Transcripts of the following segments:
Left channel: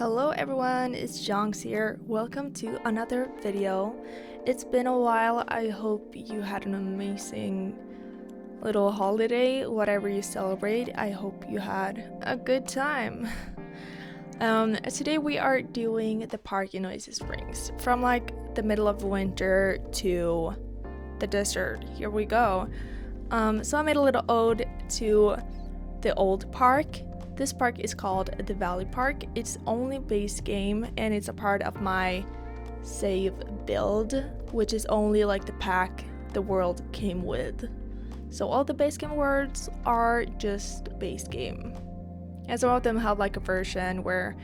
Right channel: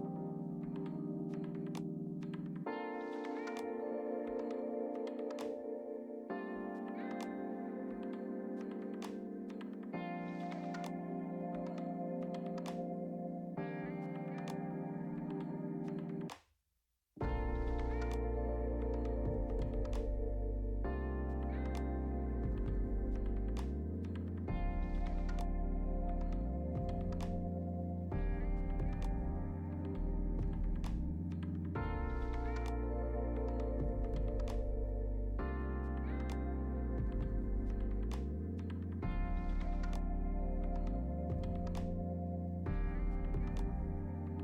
Hello everyone, it's Jonx here. Welcome to another video. It's been a while. I hope you had an amazing little holiday, whatever you celebrate. I hope you had a good time. Today we are doing the park in Oasis Springs. From like the middle of winter to the desert. Here we go. So I made a little ode to the old park. This park is called the Valley Park. It's only base game and it's a part of my save build, which is only like the pack the world came with. So all the base game words are just base game. And some of them have like a version where,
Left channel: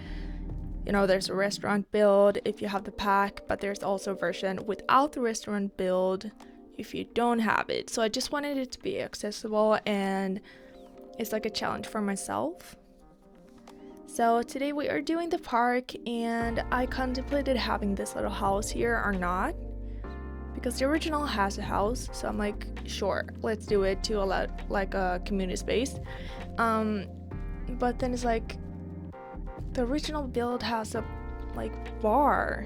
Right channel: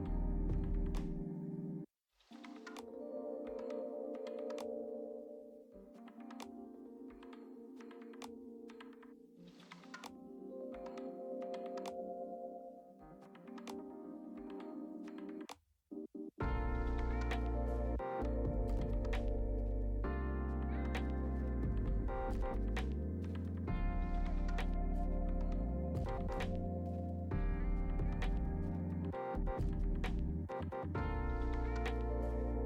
you know, there's a restaurant build if you have the pack, but there's also a version without the restaurant build if you don't have it. So I just wanted it to be accessible and it's like a challenge for myself. So today we are doing the park and I contemplated having this little house here or not, because the original has a house, so I'm like, sure, let's do it to allow like a community space. But then it's like the original build has a like bar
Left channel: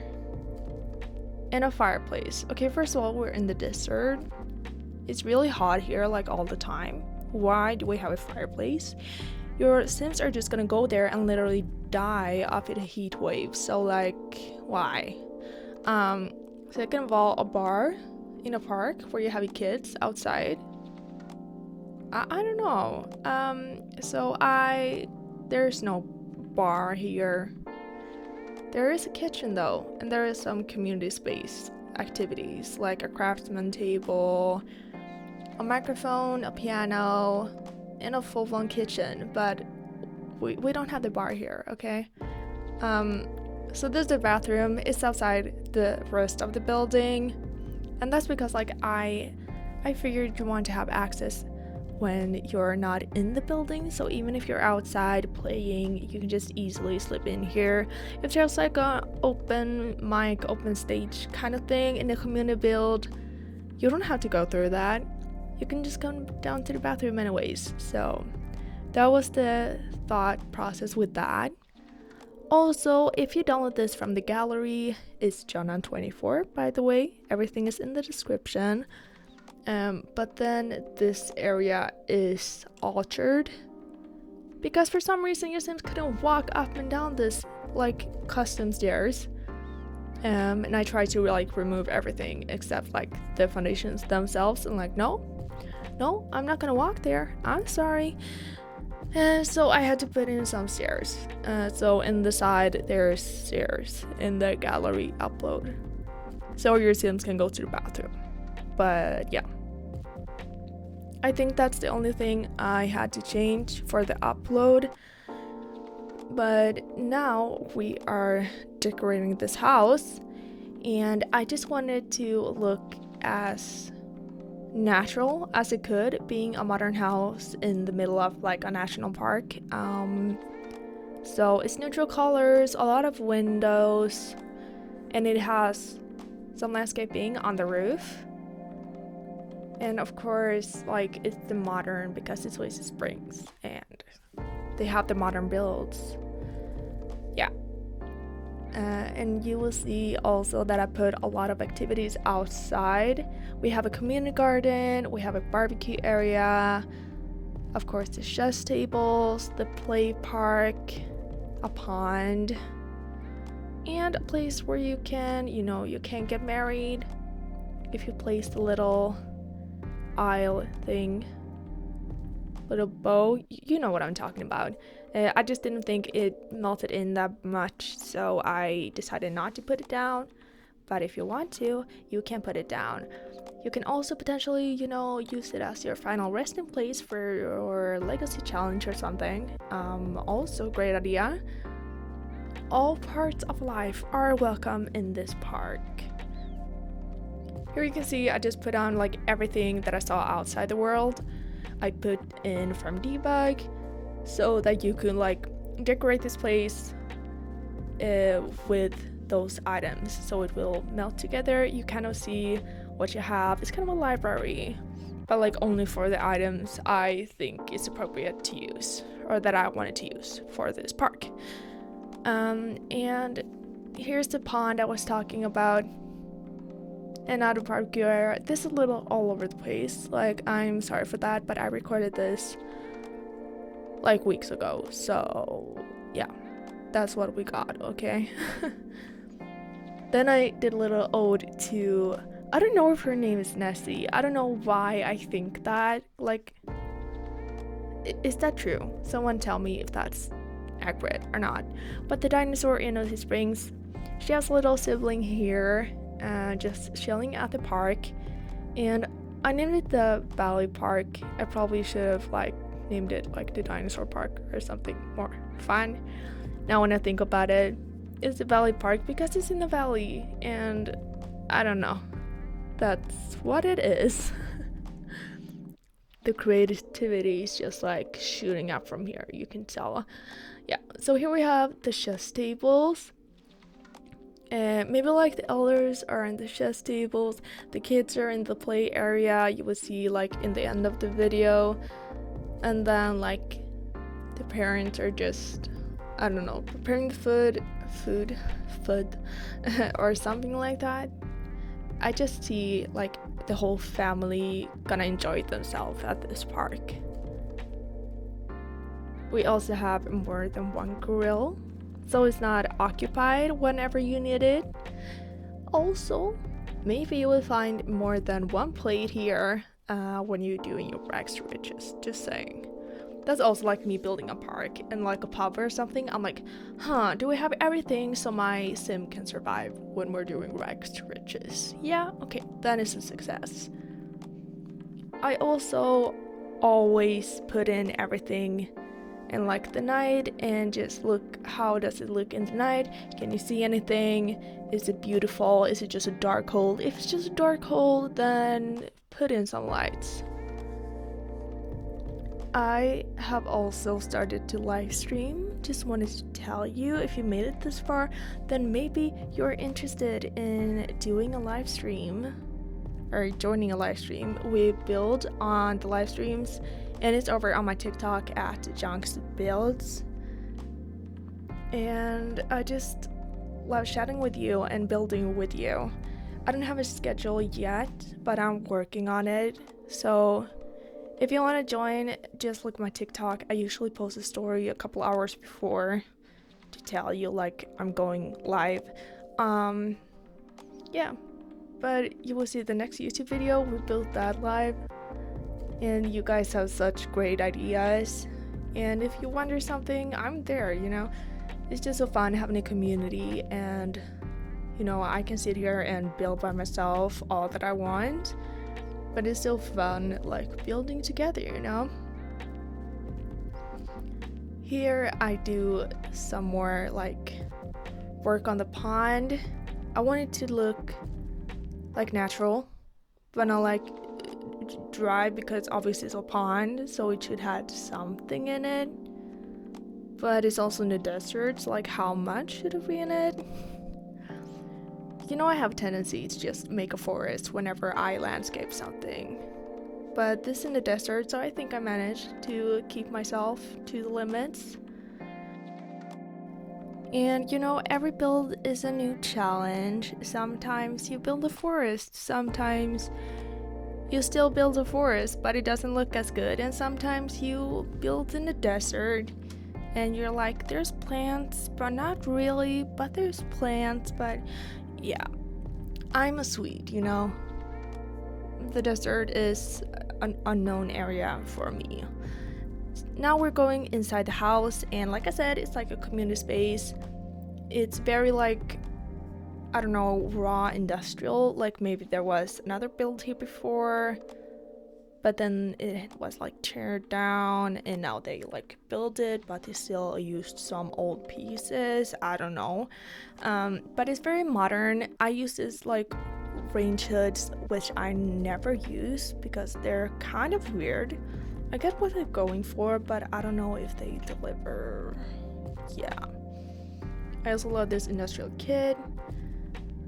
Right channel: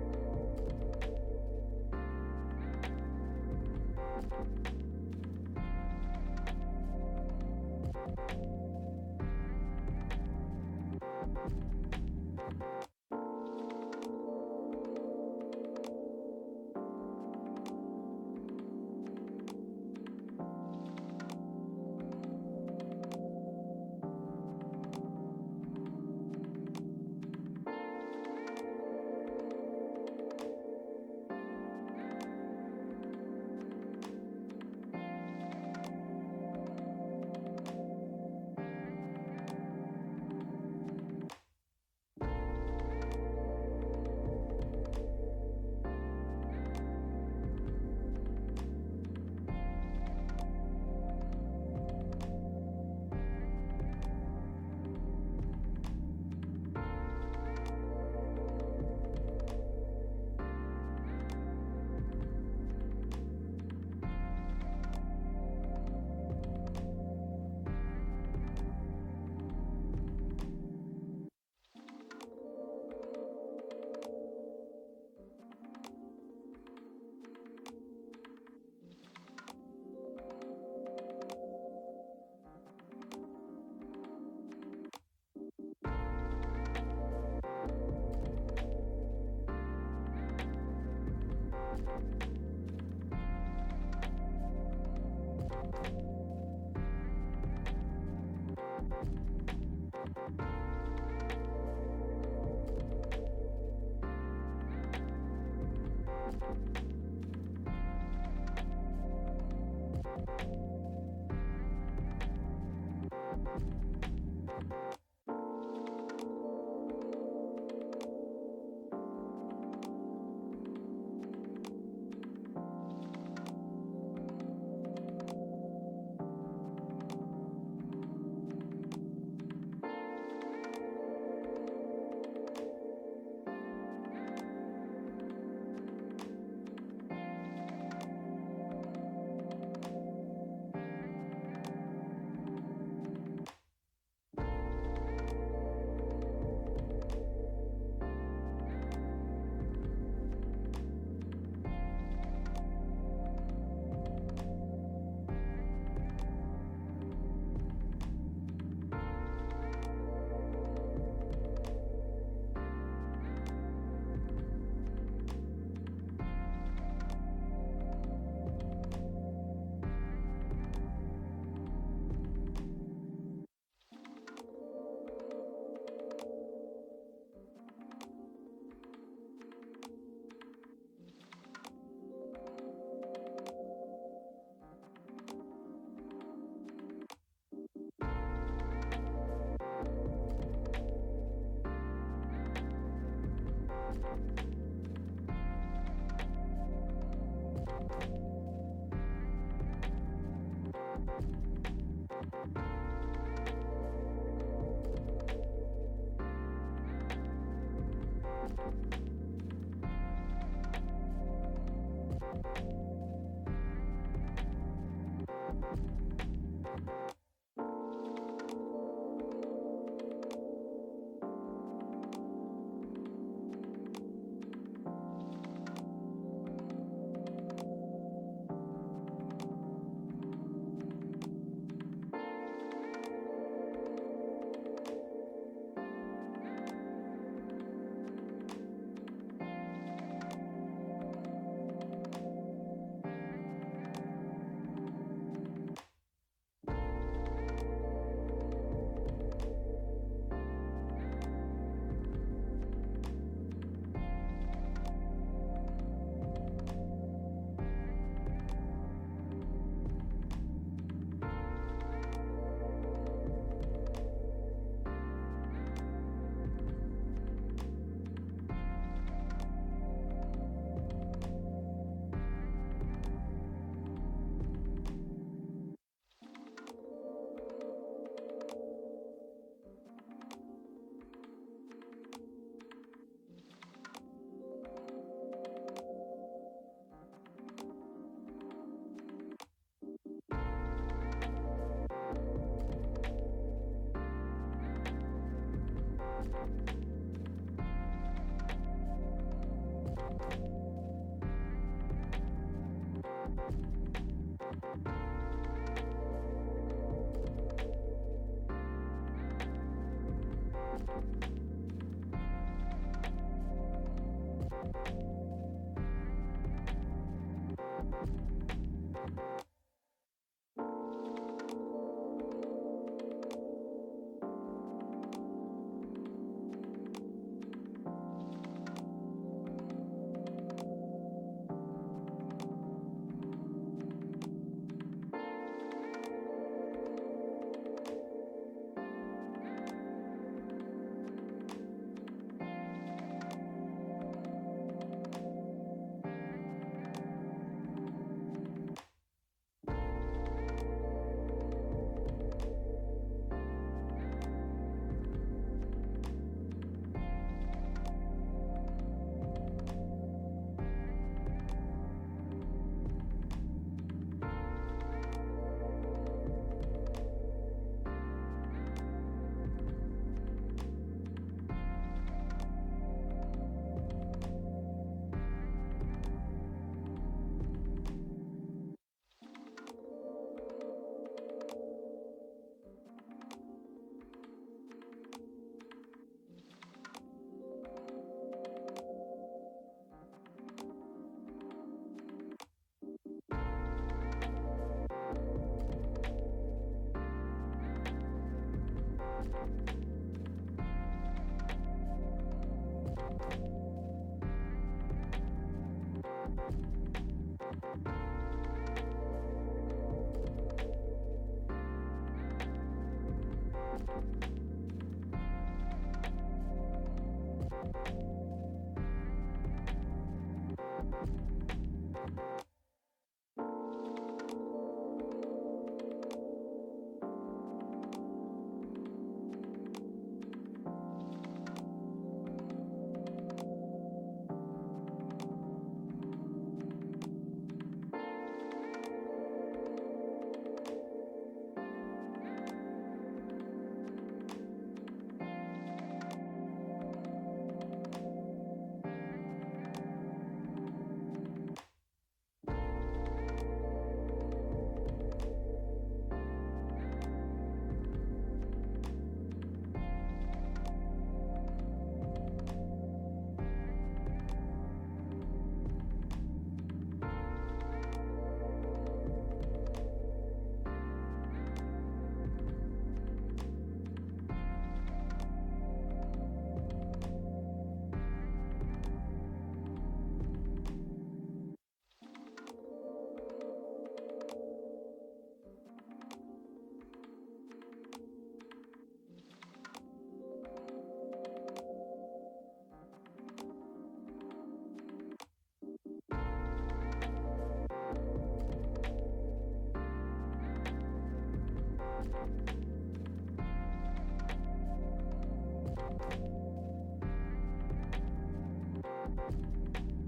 and a fireplace. Okay, first of all, we're in the desert. It's really hot here like all the time. Why do we have a fireplace? Your Sims are just gonna go there and literally die of a heat wave. So like, why? Second of all, a bar in a park where you have your kids outside. I don't know. There's no bar here. There is a kitchen though, and there is some community space activities like a craftsman table, a microphone, a piano, and a full-blown kitchen, but we don't have the bar here, okay? So there's the bathroom. It's outside the rest of the building, and that's because like I figured you want to have access when you're not in the building, so even if you're outside playing, you can just easily slip in here. If there's like a open mic, open stage kind of thing in the community build, you don't have to go through that. You can just come down to the bathroom anyways. So that was the thought process with that. Also, if you download this from the gallery, it's Jonxbuilds24, by the way. Everything is in the description. But then this area is altered because for some reason your Sims couldn't walk up and down this like custom stairs. And I tried to like remove everything except like the foundations themselves, and like no, I'm not gonna walk there, I'm sorry. And so I had to put in some stairs. So in the side there's stairs in the gallery upload, so your Sims can go to the bathroom. But yeah, I think that's the only thing I had to change for the upload. But now we are decorating this house, and I just wanted to look as natural as it could, being a modern house in the middle of like a national park. So it's neutral colors, a lot of windows, and it has some landscaping on the roof. And of course, like, it's the modern because it's Oasis Springs and they have the modern builds. Yeah. And you will see also that I put a lot of activities outside. We have a community garden, we have a barbecue area, of course the chess tables, the play park, a pond, and a place where you can, you can get married if you place the little aisle thing, little bow, you know what I'm talking about. I just didn't think it melted in that much, so I decided not to put it down. But if you want to, you can put it down. You can also potentially, use it as your final resting place for your legacy challenge or something. Also great idea. All parts of life are welcome in this park. Here you can see I just put on like everything that I saw outside the world. I put in from debug so that you can like decorate this place with those items, so it will melt together. You kind of see what you have. It's kind of a library, but like only for the items I think is appropriate to use, or that I wanted to use for this park. And here's the pond I was talking about. Another barbecue area. This is a little all over the place. Like, I'm sorry for that, but I recorded this like weeks ago. So yeah, that's what we got, okay? Then I did a little ode to, I don't know if her name is Nessie. I don't know why I think that. Like, is that true? Someone tell me if that's accurate or not. But the dinosaur in Otis Springs, she has a little sibling here, just chilling at the park. And I named it the Valley Park. I probably should have like named it like the Dinosaur Park or something more fun. Now when I think about it, it's the Valley Park because it's in the valley, and I don't know. That's what it is. The creativity is just like shooting up from here, you can tell. Yeah, so here we have the chess tables. Maybe like the elders are in the chess tables, the kids are in the play area, you will see like in the end of the video. And then like the parents are just, I don't know, preparing the food or something like that. I just see like the whole family gonna enjoy themselves at this park. We also have more than one grill, so it's not occupied whenever you need it. Also, maybe you will find more than one plate here when you're doing your rags to riches, just saying. That's also like me building a park and like a pub or something. I'm like, do we have everything so my sim can survive when we're doing rags to riches? Yeah, okay, that is a success. I also always put in everything in like the night and just look, how does it look in the night? Can you see anything? Is it beautiful? Is it just a dark hole? If it's just a dark hole, then put in some lights. I have also started to live stream. Just wanted to tell you, if you made it this far, then maybe you're interested in doing a live stream or joining a live stream. We build on the live streams, and it's over on my TikTok at Jonxbuilds. And I just love chatting with you and building with you. I don't have a schedule yet, but I'm working on it. So if you want to join, just look at my TikTok. I usually post a story a couple hours before to tell you like I'm going live. Yeah, but you will see the next YouTube video. We built that live, and you guys have such great ideas. And if you wonder something, I'm there, you know. It's just so fun having a community, and you know, I can sit here and build by myself all that I want. But it's still fun, like, building together, you know? Here I do some more, like, work on the pond. I want it to look, like, natural, but not, like, dry, because obviously it's a pond, so it should have something in it. But it's also in the desert, so, like, how much should it be in it? You know, I have a tendency to just make a forest whenever I landscape something. But this is in the desert, so I think I managed to keep myself to the limits. And you know, every build is a new challenge. Sometimes you build a forest, sometimes you still build a forest, but it doesn't look as good. And sometimes you build in the desert, and you're like, there's plants, but not really, but there's plants, but yeah, I'm a Swede, you know. The desert is an unknown area for me. Now we're going inside the house, and like I said, it's like a community space. It's very like, I don't know, raw industrial. Like maybe there was another build here before, but then it was like teared down, and now they like built it, but they still used some old pieces. I don't know. But it's very modern. I use this like range hoods, which I never use because they're kind of weird. I get what they're going for, but I don't know if they deliver. Yeah. I also love this industrial kit.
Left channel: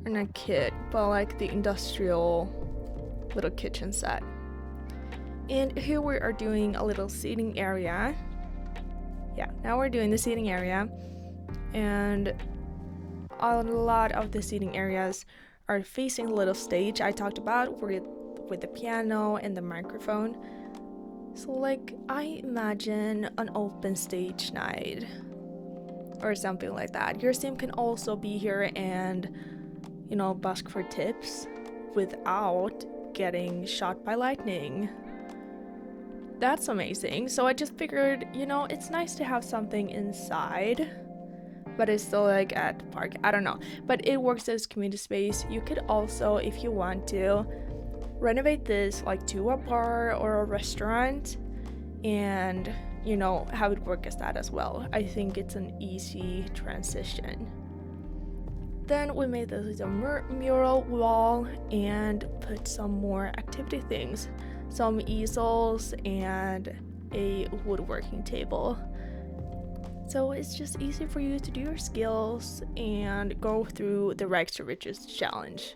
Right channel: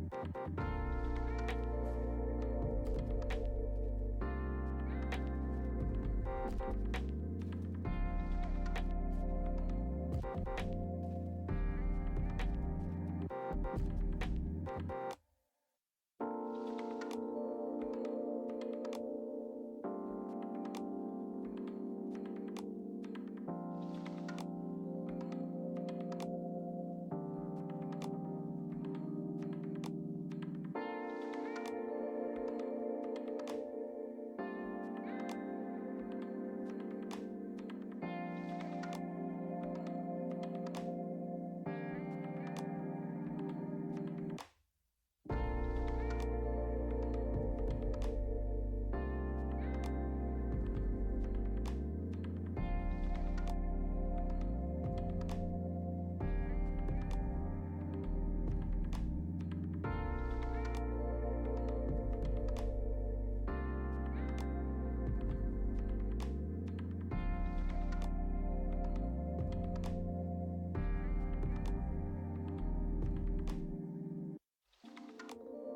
Or not kit, but like the industrial little kitchen set. And here we are doing a little seating area. Yeah, now we're doing the seating area. and a lot of the seating areas are facing the little stage I talked about with the piano and the microphone. So like, I imagine an open stage night or something like that. Your sim can also be here and, you know, ask for tips without getting shot by lightning. That's amazing. So I just figured, you know, it's nice to have something inside, but it's still like at the park. I don't know, but it works as community space. You could also, if you want to, renovate this like to a bar or a restaurant and, you know, have it work as that as well. I think it's an easy transition. Then we made this little mural wall and put some more activity things, some easels and a woodworking table. So it's just easy for you to do your skills and go through the Rags to Riches challenge.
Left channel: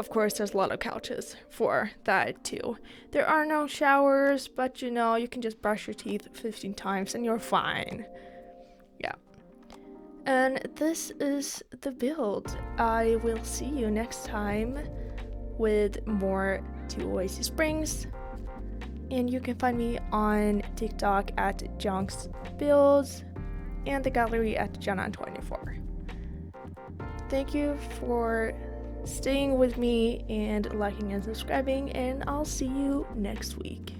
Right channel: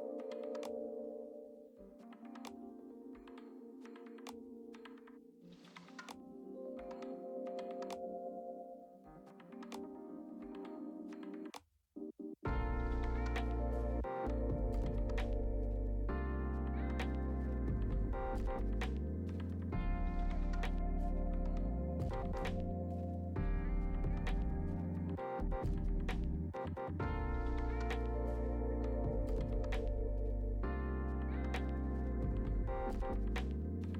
Of course, there's a lot of couches for that too. There are no showers, but you know, you can just brush your teeth 15 times and you're fine. Yeah. And this is the build. I will see you next time with more to Oasis Springs. And you can find me on TikTok at Jonxbuilds and the gallery at Jana24. Thank you for staying with me and liking and subscribing, and I'll see you next week.